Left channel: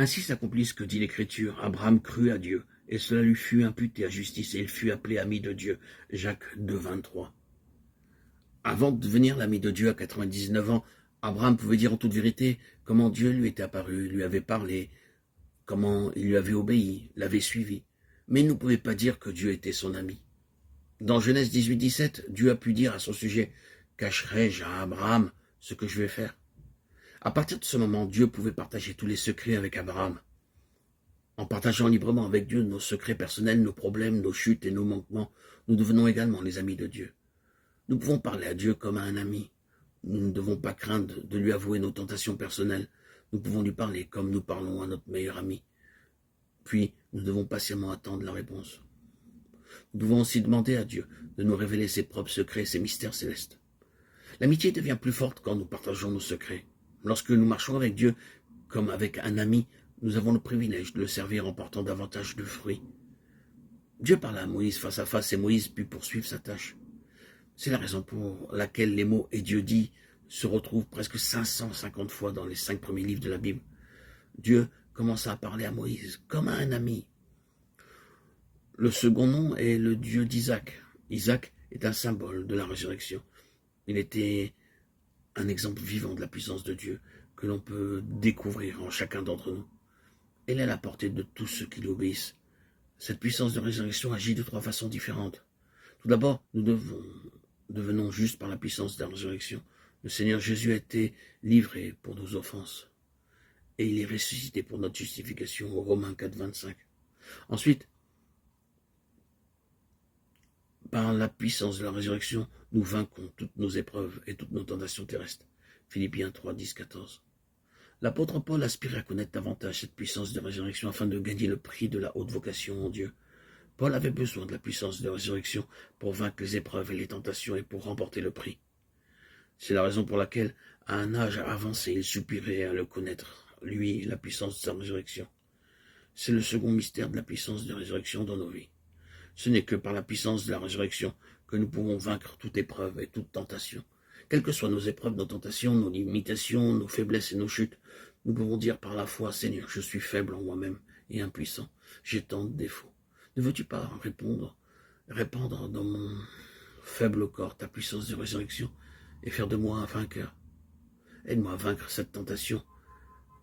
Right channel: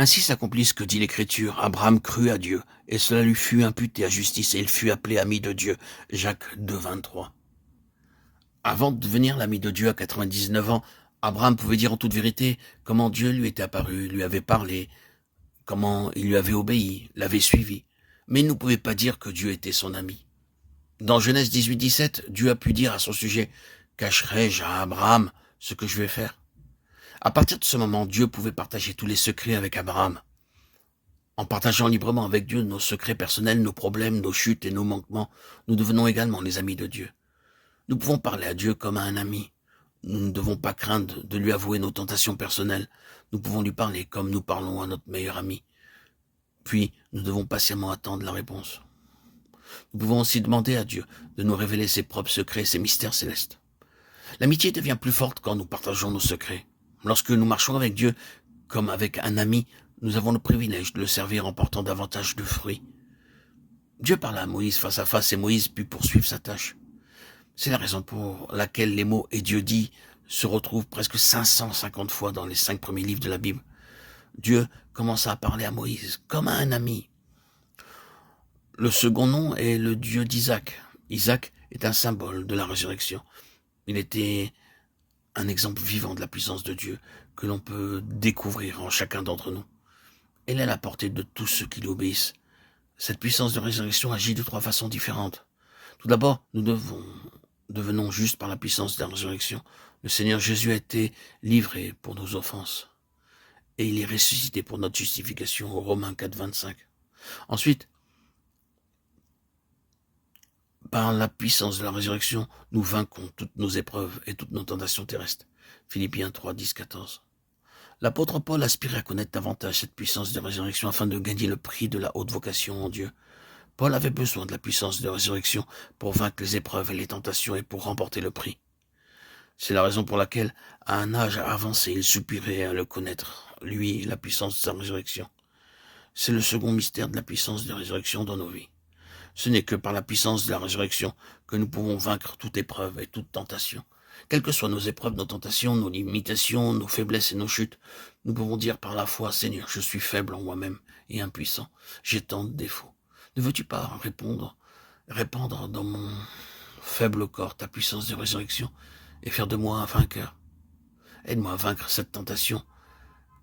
Ainsi s'accomplit ce que dit l'Écriture. Abraham crut à Dieu, et cela lui fut imputé à justice, et il fut appelé ami de Dieu. Jacques 2, 23. Avant de devenir l'ami de Dieu à 99 ans, Abraham pouvait dire en toute vérité comment Dieu lui était apparu, lui avait parlé, comment il lui avait obéi, l'avait suivi. Mais il ne pouvait pas dire que Dieu était son ami. Dans Genèse 18, 17, Dieu a pu dire à son sujet « Cacherai-je à Abraham ce que je vais faire ?» À partir de ce moment, Dieu pouvait partager tous les secrets avec Abraham. En partageant librement avec Dieu nos secrets personnels, nos problèmes, nos chutes et nos manquements, nous devenons également les amis de Dieu. Nous pouvons parler à Dieu comme à un ami. Nous ne devons pas craindre de lui avouer nos tentations personnelles. Nous pouvons lui parler comme nous parlons à notre meilleur ami. Puis, nous devons patiemment attendre la réponse. Nous pouvons aussi demander à Dieu de nous révéler ses propres secrets, ses mystères célestes. L'amitié devient plus forte quand nous partageons nos secrets. Lorsque nous marchons avec Dieu comme avec un ami, nous avons le privilège de le servir en portant davantage de fruits. Dieu parla à Moïse face à face et Moïse put poursuivre sa tâche. C'est la raison pour laquelle les mots « et Dieu dit » se retrouvent presque 550 fois dans les 5 premiers livres de la Bible. Dieu commença à parler à Moïse comme à un ami. Le second nom est le Dieu d'Isaac. Isaac est un symbole de la résurrection. Il était un exemple vivant de la puissance de Dieu que l'on peut découvrir en chacun d'entre nous. Elle est à la portée de tous ceux qui l'obéissent. Cette puissance de résurrection agit de 3 façons différentes. Tout d'abord, nous devenons justes par la puissance de la résurrection. Le Seigneur Jésus a été livré pour nos offenses et il est ressuscité pour notre justification, au Romains 4, 25. Ensuite, par la puissance de la résurrection, nous vaincrons toutes nos épreuves et toutes nos tentations terrestres. Philippiens 3, 10, 14. L'apôtre Paul aspirait à connaître davantage cette puissance de résurrection afin de gagner le prix de la haute vocation en Dieu. Paul avait besoin de la puissance de résurrection pour vaincre les épreuves et les tentations et pour remporter le prix. C'est la raison pour laquelle, à un âge avancé, il soupirait à le connaître, lui, la puissance de sa résurrection. C'est le second mystère de la puissance de résurrection dans nos vies. Ce n'est que par la puissance de la résurrection que nous pouvons vaincre toute épreuve et toute tentation. Quelles que soient nos épreuves, nos tentations, nos limitations, nos faiblesses et nos chutes, nous pouvons dire par la foi, Seigneur, je suis faible en moi-même et impuissant. J'ai tant de défauts. Ne veux-tu pas répandre dans mon faible corps ta puissance de résurrection et faire de moi un vainqueur? Aide-moi à vaincre cette tentation,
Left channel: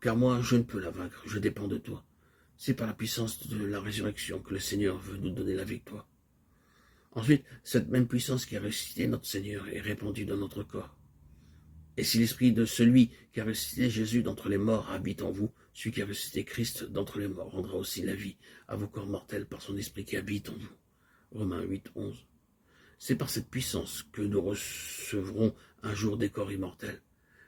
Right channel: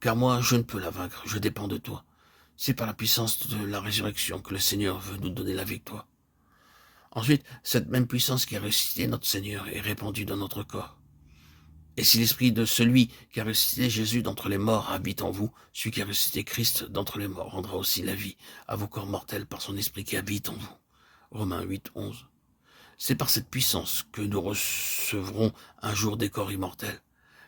car moi, je ne peux la vaincre, je dépends de toi. C'est par la puissance de la résurrection que le Seigneur veut nous donner la victoire. Ensuite, cette même puissance qui a ressuscité notre Seigneur est répandue dans notre corps. Et si l'esprit de celui qui a ressuscité Jésus d'entre les morts habite en vous, celui qui a ressuscité Christ d'entre les morts rendra aussi la vie à vos corps mortels par son esprit qui habite en vous. Romains 8, 11. C'est par cette puissance que nous recevrons un jour des corps immortels.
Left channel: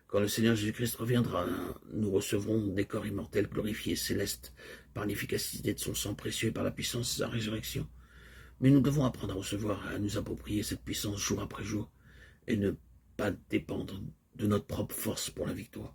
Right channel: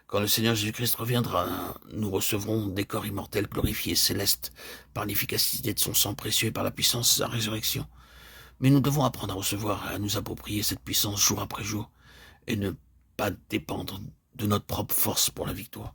Quand le Seigneur Jésus-Christ reviendra, nous recevrons des corps immortels glorifiés, célestes, par l'efficacité de son sang précieux et par la puissance de sa résurrection. Mais nous devons apprendre à recevoir et à nous approprier cette puissance jour après jour et ne pas dépendre de notre propre force pour la victoire.